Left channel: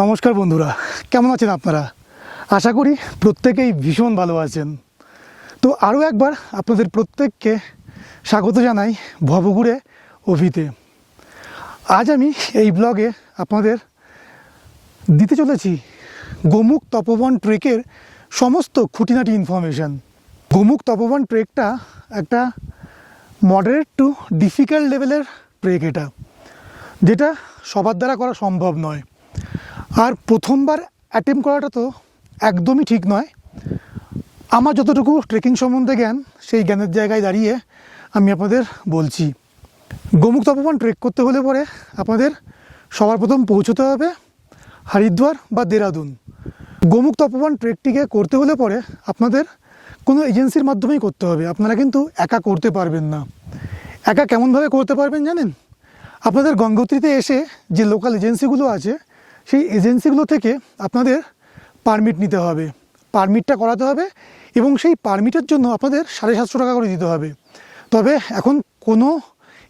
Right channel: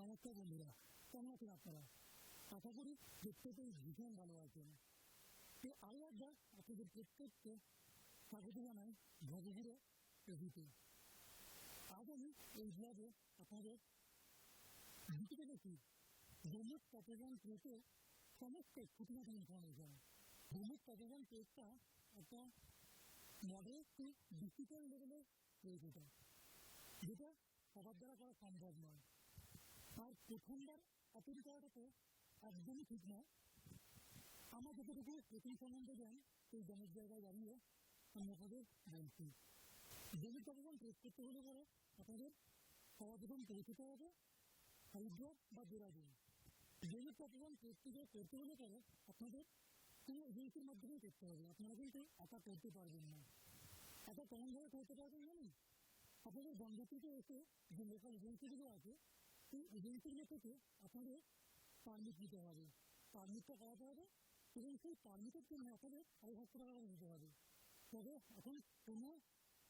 নমস্কার বন্ধুরা, কেমন আছেন আপনারা? আশা করি প্রত্যেকেই ভীষণ ভালো আছেন। তো আরও একবার আপনাদের প্রত্যেককে স্বাগত জানাই ভবঘুরে অভিতে। আজ আমি এই ব্লগে আপনাদের দিতে চলেছি গোমুখ তপবন ট্রেকের সমস্ত খুঁটিনাটি ইনফরমেশান গোমুখ তপবন ট্রেকটা একটা মডারেট টু ডিফিকাল্ট লেভেলের ট্রেক এটা, যেটা সবার দ্বারা করা সম্ভব নয়। আর প্রথমবার অ্যাটেম্প করাটা তো একদমই ঠিক নয়। আমার যতটুকু ট্রেকিং সম্বন্ধে জ্ঞান, সেই জ্ঞানের জায়গায় দাঁড়িয়ে আমি আপনাদের বলছি। গোমুখ তপবন ট্রেক করতে হলে পরে আপনাদের সবার প্রথম পৌঁছতে হবে হরিদ্বার বা দেরাদুন। গোমুখ তপবন ট্রেকটিকে করতে হলে পরে আপনাদের কোনো এজেন্সির মাধ্যমেই করতে হবে। আপনারা কিন্তু একা করতে পারবেন না। একা কেমনভাবে করতে পারবেন জানেন? আপনাদের গঙ্গোত্রীতে এসে যে লোকাল এজেন্সিগুলো আছে সেই এজেন্সিগুলো থেকে আপনাদের পারমিট নিতে হবে। পারমিটটা করাতে হবে এবং সেই পারমিটের জন্য আপনাদের সাড়ে সাতশো টাকা করে দিতে হবে। তবে এখন কোনো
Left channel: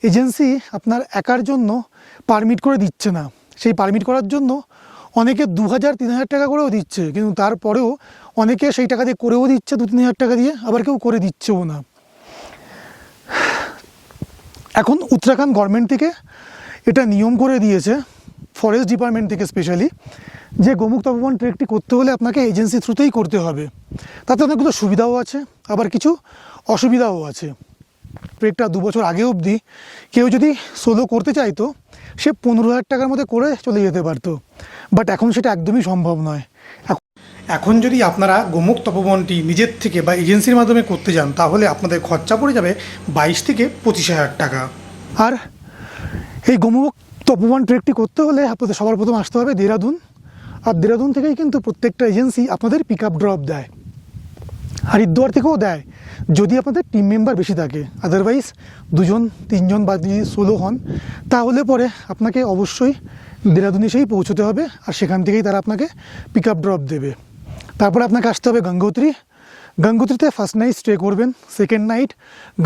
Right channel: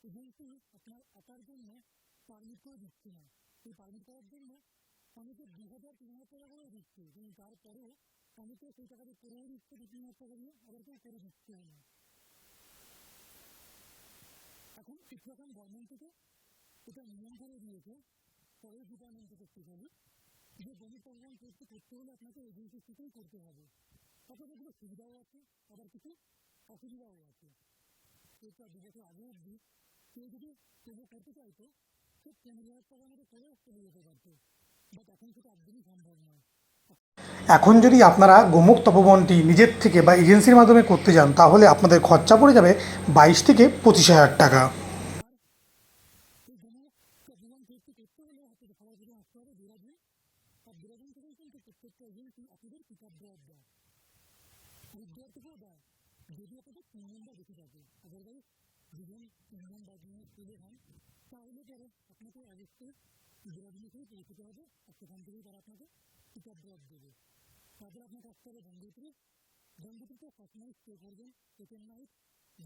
এজেন্সি আপনার একার জন্য পারমিট করে দিচ্ছে না। সেই পারমিট করার জন্য অনেকে দু হাজার, তিন হাজার টাকা করেও দিচ্ছে, কিন্তু তারপরেও অনেকে সেই টাকা দিয়ে করেও দিচ্ছে, দু, তিন হাজার টাকা দিয়ে, আবার কেউ করে দিচ্ছেও না। এখন উত্তরাখণ্ড গভর্নমেন্ট থেকে এটা নিয়ম করে দিয়েছে ফরেস্ট ডিপার্টমেন্ট থেকে স্পেশালি যে গোমুখ তপবন ট্রেকটি করতে হলে আপনাকে এজেন্সি থ্রুতেই করতে হবে। তাতে অনেকগুলো সুবিধাও আছে, আবার কিছু অসুবিধাও আছে। ট্রেকটা দু বছর আগে অবধি কেউ যদি সোলো করতে চাইতো, সে পনেরো হাজার টাকার মধ্যে করে চলে যেতে পারতো। বাট এখন সেটা একদমই সম্ভব নয়। এখন- যদি আপনারা গোমুখ তপবনটি নিজের থেকে বা এজেন্সির মাধ্যমে করতে যান, তাহলে আপনাদের খরচা পড়ে যাবে বাইশ থেকে পঁচিশ হাজার টাকা। আর এই গোমুখ তপবন ট্রেকটি করতে হলে আপনাদের সবার প্রথম আসতে হবে দেরাদুন। আর দেরাদুন থেকেই কিন্তু প্রত্যেকটা এজেন্সি আপনাদের পিক আপ ড্রপ দেয়। হরিদ্বার থেকেও দেয়, যদি আপনাদের টিম মেম্বার বেশি থাকে। আদারওয়াইজ দুজন, তিনজন বা যদি ষোলো হন, তাহলে পরে আপনাকে অবশ্যই দেরাদুন এসেই পৌঁছতে হবে আর সেখান থেকেই তারা আপনাকে পিক আপ ড্রপ দেবে। তারপরে আপনাকে আসতে হবে গঙ্গোত্রী। গঙ্গোত্রীতে ফার্স্ট নাইট স্টে করবেন সেকেন্ড নাইট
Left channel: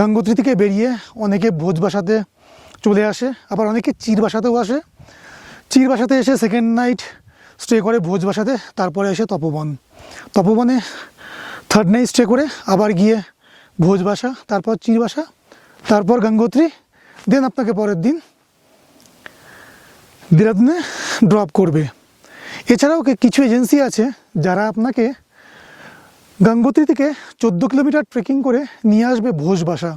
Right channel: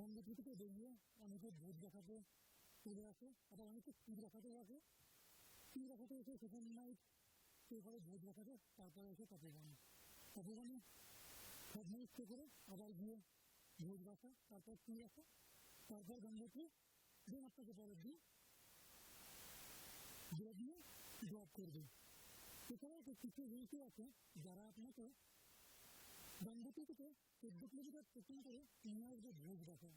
গঙ্গোত্রী থেকে বেরিয়ে অনেকে ভোজ বাসাতে চলে আসে, আবার অনেকে চির বাসাতেও আসে। চির বাসাতে এসে সেকেন্ড নাইট স্টে করে ভোজ বাসাতে, তারপরে এসে তপবন। তপবনে থার্ড নাইট স্টে করে আবার গিয়ে ভোজ বাসা, তারপর চির বাসা, তারপর গঙ্গোত্রী দেন আপনাকে পরের দিন দেরাদুনে ড্রপ করবে। এছাড়াও কিছু এজেন্সি আছে যারা আপনাকে গঙ্গোত্রী থেকে চোদ্দ কিলোমিটার ট্রেকিং করে নিয়ে আসবে ভোজ বাসা।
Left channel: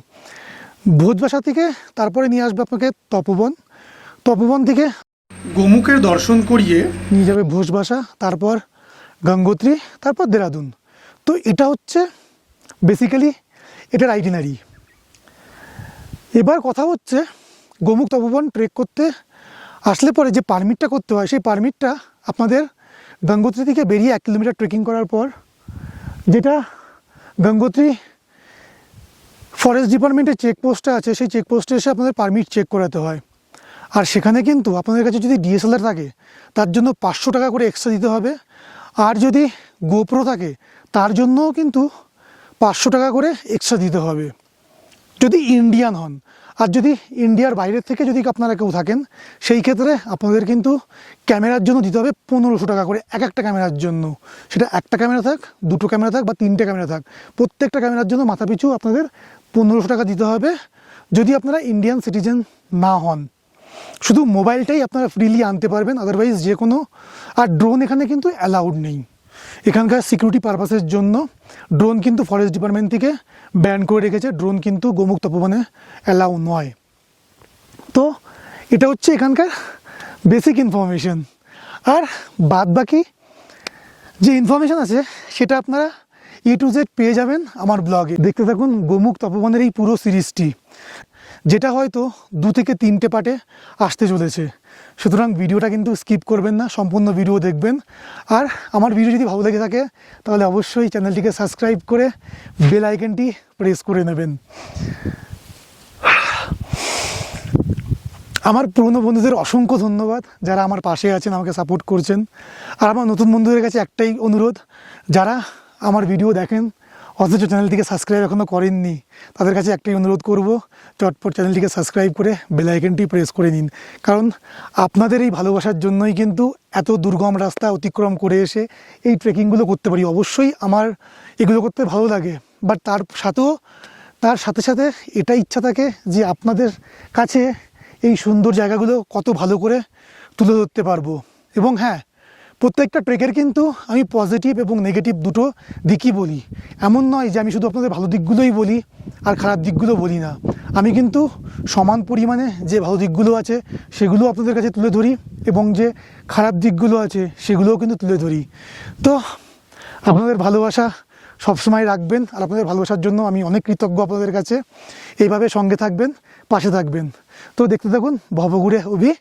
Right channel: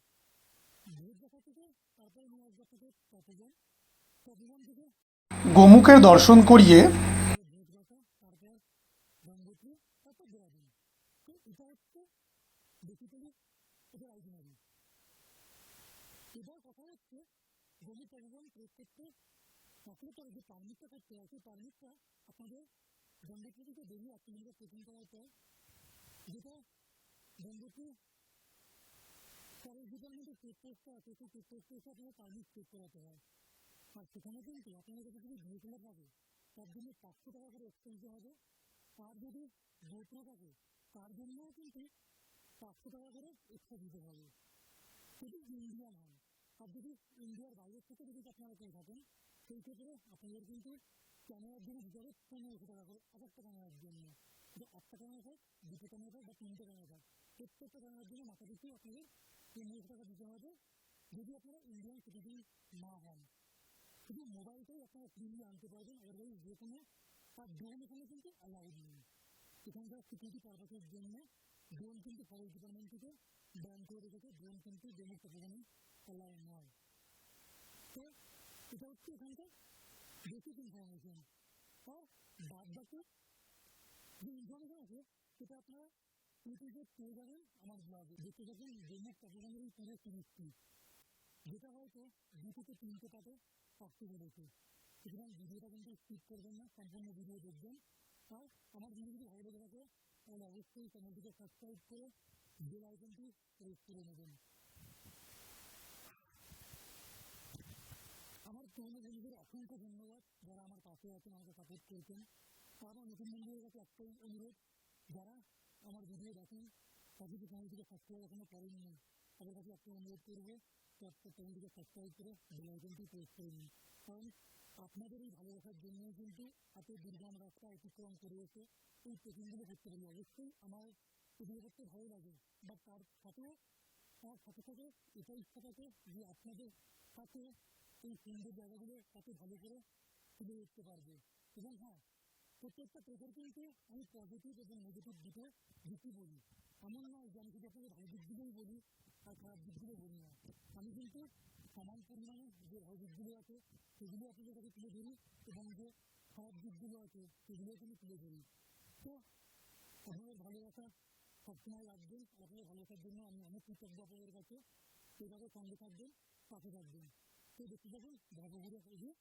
ভোজ বাসা থেকে তারপরে নিয়ে আসবে আপনাকে তপবন। তপবন থেকে গোমুখের দর্শন করিয়ে নিয়ে যাবে ভোজ বাসা তারপর গঙ্গোত্রী তারপর দেরাদুন। তো এটা হচ্ছে বেসিক্যালি এটার আইটিনারি এবার কথা হচ্ছে গোমুখ তপবন ট্রেক করতে আসলে পরে যে পারমিটটা করতে হয় সেই পারমিটটা আপনাদের গঙ্গোত্রী থেকে বেরিয়ে এক কিলোমিটার ট্রেকিং করার পর যেটা গঙ্গোত্রী ফরেস্ট ডিপার্টমেন্টের চেকপোস্টটা আছে, সেই চেকপোস্টে এসে আপনাদের পারমিট চেক করাতে হয়। আর সেখানে কিন্তু আপনাদের কাছে যদি ডিএসএলআর থাকে, তার জন্য পাঁচশো টাকা করে এক্সট্রা দিতে হবে। আর যদি গোপ্রো থাকে, তার জন্যও কিন্তু পাঁচশো টাকা করে এক্সট্রা দিতে হবে। যদি ইন্ডিয়ান হন, আর যদি ইন্ডিয়ার বাইরের থেকে যদি আপনারা কেউ থাকেন, সেই ক্ষেত্রে আপনাদের কিন্তু ক্যামেরার জন্য দিতে হবে পনেরোশো টাকা করে, এক একটা ক্যামেরার জন্য। সেটা একটা ক্যামেরা থাক, দুটো ক্যামেরা থাক বা তিনটে ক্যামেরা থাক, প্রত্যেকটা ক্যামেরার জন্য মাথাপিছু আপনাদের পনেরোশো টাকা দিতে হবে যদি আপনারা ইন্ডিয়ান সিটিজেন না হন। শুধু মোবাইলটাই আপনারা ফ্রিলি আনতে পারবেন আদারওয়াইজ যে কোনো আর ড্রোন এখানে কিন্তু অ্যালাউড নেই। এখানকার সিকিউরিটি পারপাসের জন্য ড্রোন কিন্তু ফরেস্ট ডিপার্টমেন্ট থেকে ব্যান করে রেখেছে। ড্রোন কিন্তু গোমুখ তপবনে অ্যালাউ নয়। তো এটা হচ্ছে এখানকার বেসিক ইনফরমেশন আর বাদ বাকি যে ইনফরমেশন আছে, সেটা আপনারা এ টু জেড পেয়ে যাবেন আমার ব্লগে দেখতে থাকুন গোমুখ তপবনের এই পুরো সিরিজটি, যেটা হয়তো দু থেকে তিনটে পার্টে আসতে চলেছে। সুতরাং ভিডিওটা কিন্তু স্কিপ করবেন না, সম্পূর্ণ ভিডিও দেখবেন। আর আমার ভিডিও যদি ভালো লেগে থাকে, তাহলে অবশ্যই চ্যানেলটিকে সাবস্ক্রাইব করে বেল আইকনটি প্রেস করে নেবেন। আমার পুরনো বন্ধুদের অসংখ্য ধন্যবাদ যারা আমার পাশে আছেন, আমাকে সাপোর্ট করছেন। আর আমার নতুন বন্ধুদের কাছে একটাই অনুরোধ, যারা আমার ভিডিও দেখেন। অথচ চ্যানেলটিকে সাবস্ক্রাইব এখনও করেননি। তাদের কাছে একটাই অনুরোধ করব, চটপট চ্যানেলটিকে সাবস্ক্রাইব করে বেল আইকনটি প্রেস করে নিন। কারণ আপনাদের এই ভালোবাসার জন্যই কিন্তু এত দুর্গম রাস্তা অতিক্রম করে এসে এই ট্রেকিংগুলো করতে পারি। অবশ্যই আমার এগুলো করতে ভালো লাগে। বাট তার সাথেও, তার সাথে সাথে এটা ইচ্ছা থাকে যে আপনাদের কাছে এই সুন্দর জায়গাগুলো কত ভালো করে তুলে ধরতে পারব। এবং হ্যাঁ প্রত্যেকটা ট্রেকের কিন্তু আমি পজিটিভ এবং নেগেটিভ দুটো দিকই বলি। এমন নয় যে আমি শুধু আপনাদের ভালো দিকগুলোই বলি আর খারাপ দিকগুলো বলি না। আমি কিন্তু সমান পরিমাণে যে ভালো দিকগুলো আছে সেগুলো আপনাদের কাছে তুলে ধরি এবং যে খারাপ দিকগুলো আছে সেগুলোও কিন্তু তুলে ধরি। তো আপনাদের ভালোবাসা সবসময় রাখবেন আর আপনাদের ভালোবাসার জন্য আমি অনেক কৃতজ্ঞ আপনাদের কাছে। এইভাবে সঙ্গে থাকবেন, পাশে থাকবেন। তো দেখতে থাকুন, ভবঘুরে অভি